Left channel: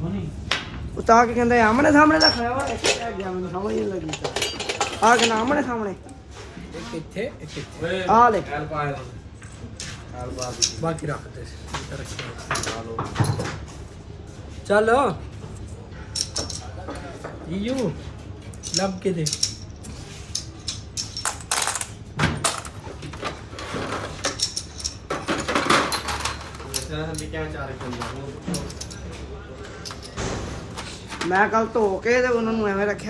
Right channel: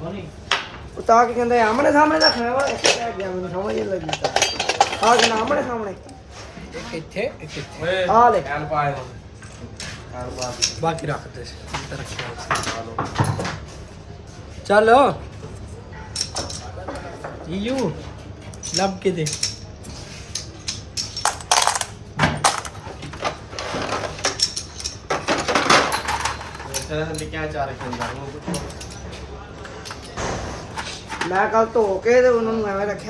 ਉਹ ਤਾਂ ਕੀ ਕਹਿੰਦੇ ਆਮਣੇ ਸਾਹਮਣੇ ਰੱਖਣਾ ਵਾ ਇੱਕ ਕਹਿ ਗਿਆ ਮੈਨੂੰ ਸਮਝ ਨਹੀਂ ਲੱਗੀ ਤਾਂ ਹਾਂ ਕਿ ਆਮਣੇ ਸਾਹਮਣੇ ਇੱਥੇ ਓਏ ਆ ਲੈ ਐਲ ਪਾਏ ਐਲ ਪਾ ਦੀ ਬਾਕੀ ਰੱਖ ਦੇ ਚੱਲ ਯੂ ਲੱਭ ਕੇ ਦੇ ਨਿੱਕਿਆ ਚਾਰ ਕਿੰਨਾ ਮੈਂ ਕੱਲ ਧੋ ਕੇ ਤੇ ਉਹਨਾਂ ਨੂੰ ਐਵੇਂ ਰੱਖਿਆ